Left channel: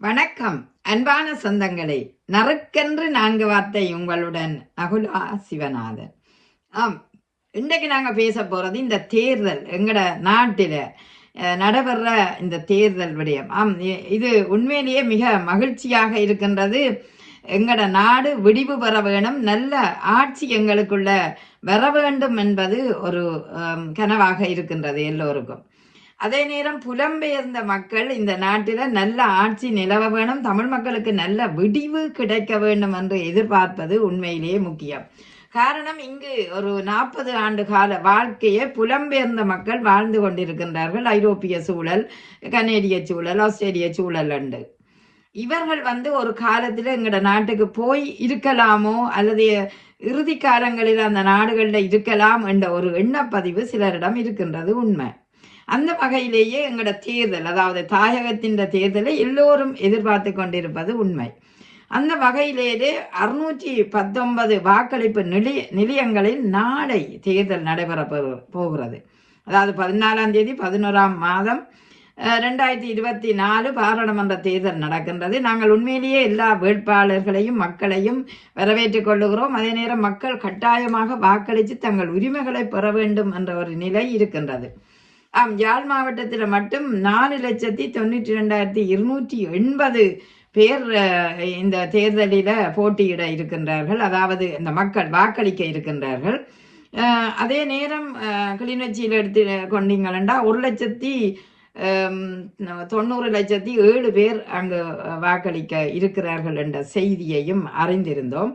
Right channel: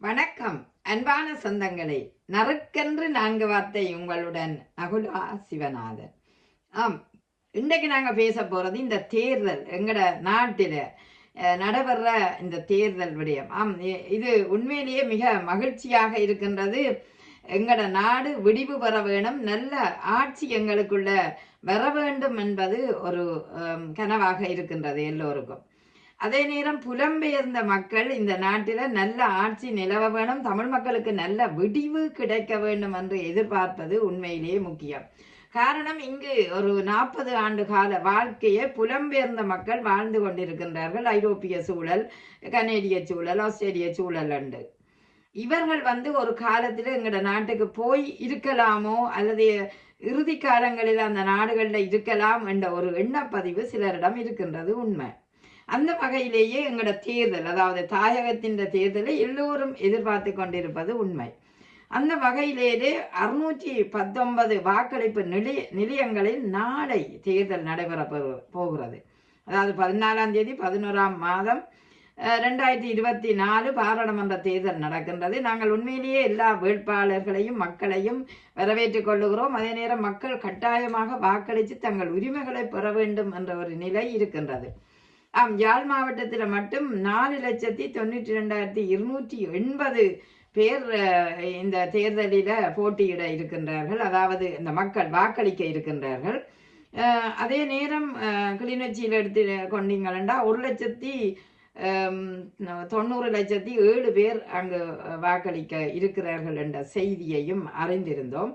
வணக்கம். அன்பான சொந்தங்களே நறுக்கென்று நான்கு வார்த்தை உங்களுடன் நகுலா சிவநாதன். ஆம் இன்றைக்கு நாங்கள் பேச போகிறது இந்த தேர்தல் எங்களோட நாட்டில் நடைபெற இந்த தேர்தல் விடயம். ஆம் இது உண்மையிலேயே மிக மகிழ்ச்சியாக இருக்கின்றது. எங்களோட நாடு விடிவு பெற வேணும் நல்ல ஆட்சி எங்களுக்குள்ள வர வேண்டும் என்பது ஒரு கனவாக இருக்கின்றது எல்லோருக்கும். அதே நேரம் புலம்பெயர்ந்த மக்கள் இந்த நாட்டில் நல்ல ஆட்சி நிலவ வேணும் தமிழ் மக்களுக்கு நல்ல விடிவு கிடைக்க வேண்டும் என்று எதிர்பார்ப்பது உண்மையிலேயே முக்கியம். காரணம் இங்கு ஒரு நாற்பது ஆண்டு கால வாழ்க்கையை புலம்பெயர்ந்த மக்கள் வாழ்ந்து கொண்டிருக்கின்றார்கள். ஐரோப்பிய சூழல் கனேடிய சூழல் ஆஸ்திரேலிய சூழல் உண்டு இவர்கள் வந்து ஒரு காலத்தில் எங்களோட நாட்டுக்கு போய் இருக்கலாமோ அல்லது இறுதி காலங்களில் அந்த நாடுகளில் இருக்கலாம் என்ற ஒரு எண்ணப்பதிவு சிலரிடம் இருக்கின்றது உண்மை. அந்த வகையிலேயே எங்களோட தேர்தல் அதாவது தாயகத்தின் தேர்தலை எல்லோரும் எதிர்பார்த்து கொண்டிருப்பது உண்மை. அந்த வகையிலேயே அறுநூற்றி பத்தொன்பது வாக்களிப்பு நிலைய நிலையங்களில் நாளை தேர்தல் நடைபெற போகிறது. அதாவது பதினாலாம் தேதி பதினோராம் மாதம் ரெண்டாயிரத்தி இருபத்தி நாலு பாராளுமன்ற தேர்தல் நடக்கின்றது. நாங்கள் உண்மையிலேயே எல்லா வேட்பாளர்களையும் மக்களையும் வரவேற்றுக் கொள்ளுகிறோம். அதே நேரம் மக்கள் கட்டாயமாக வாக்களித்து தங்கள் உரிமைகளை பெற வேண்டும் என்ற ஒரு நிலை இருக்கின்றது. ஆம் யாழ் மாவட்டத்தில் மட்டும் நாலு லட்சத்தி தொண்ணூற்றி ரெண்டாயிரத்தி இருநூற்றி எண்பது பேர் இந்த தேர்தலில் போட்டியிட இருக்கின்றார்கள். அதாவது இந்த மக்கள் வாக்களிக்க இருக்கின்றார்கள். அதே நேரம் கிளிநொச்சியில் எடுத்து கொண்டீங்களா ஒரு லட்சத்தி தொண்ணூறு லட்சத்தி ஏழு பேர் அங்கு வாக்களிக்க இருக்கிறார்கள் என்ற செய்தியையும் அறிந்திருந்தோம்.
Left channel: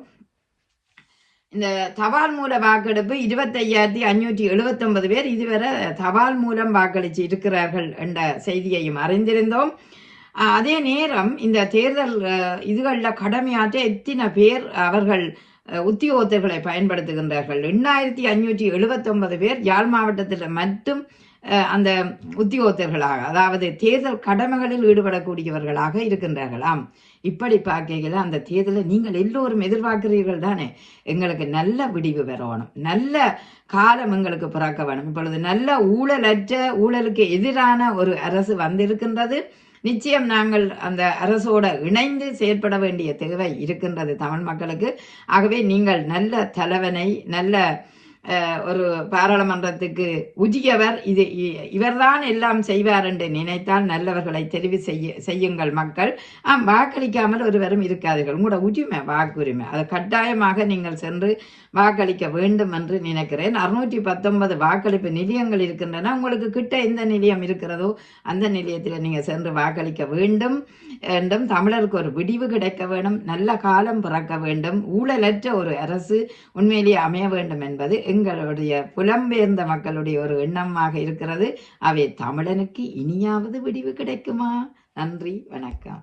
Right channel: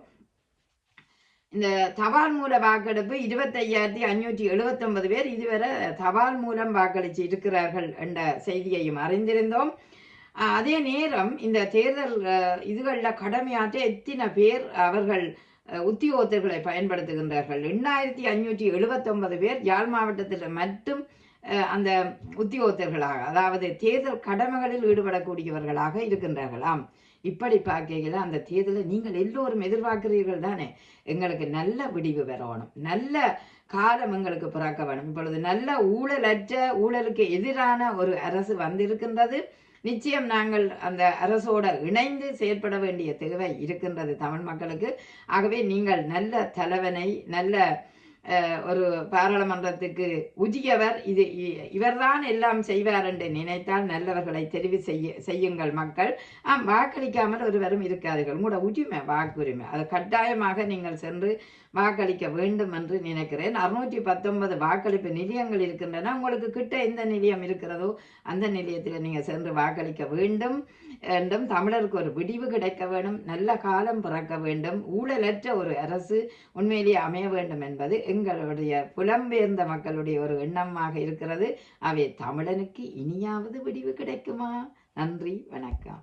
இந்த தபால் மூல வாக்கெடுப்பு இருபத்தையாயிரத்தி அஞ்சூற்றி எழுபத்தொன்பது பேர் இதுவரை தபால் மூலம் வாக்களித்து இருக்கிறார்கள் என்ற செய்தியையும் அறிந்திருந்தோம். அதே நேரம் இந்த தேர்தல் இதுகளில் கடமையாற்ற எத்தனை பேர் அவர்கள் உத்தியோகத்தர்களை பயன்படுத்துகின்றார்கள்? எண்ணாயிரத்தி அஞ்சூற்றி எழுபத்தொன்பது பேர் யாழ் மாவட்டத்தில் மட்டும் அந்த உத்தியோகத்தர்களாக அதாவது தேர்தல் கடமைகளில் ஈடுபடக்கூடியவர்களாக இருக்கின்றார்களாம். இப்படி பார்க்கையில் அந்த தேர்தலை நீங்கள் எல்லோரும் எதிர்பார்க்கிறீர்கள் தானே? எங்களுக்கு நல்ல விடிவு வரணும். நல்ல காலம் எங்களுக்கு பிறக்க வேணும். இப்பொழுது நல்ல ஊழலற்ற ஊழலுக்கு எதிரான ஒரு அரசு வந்திருக்கின்றது. நிச்சயம் நாங்கள் அந்த அரசோட இணைந்து செயற்பட வேண்டிய தேவை இருக்கின்றது தமிழ் மக்களுக்கு. ஆகவே நீங்கள் நல்ல தலைவனை நல்ல ஒரு பாராளுமன்றத்துக்கு உஜியவர் இது இ- இவர்தான் எல்லாம் செய்வார் என்று நினைத்தால் நல்லவர்களை தெரிவு செய்ய செய்யுங்கள் மக்கள். ஆம் வாக்களிக்காமல் ஒருவரும் இருக்காதீர்கள். உங்களோட உரிமை வாக்குரிமை. அதை கட்டாயமாக நீங்கள் சென்று வாக்களிக்க வேண்டும் என்று நினைக்கிறேன். அறுநூற்றி பத்தொன்பது வாக்களிப்பு நிலையங்கள் இருக்கின்றன. உங்களுக்கு கிட்ட எந்த நிலையம் இருக்கிறதோ அந்த நிலையத்தில் நீங்கள் சென்று வாக்களிக்க வேண்டும். என்றும் தமிழருக்கு ஒரு விடிவு கிடைக்க வேண்டும். நல்ல காலம் பிறக்க வேண்டும். ஊழலற்ற ஒரு அரசு உண்மையிலேயே அமைய வேண்டும் என்பது எங்களுடைய புலம்பெயர்ந்த மக்களுடைய ஒரு எண்ணமாக இருக்கிறது. அவை தமிழனுக்கு இனியாவது விடிவு கிடைக்குமா? நன்றி வணக்கம்.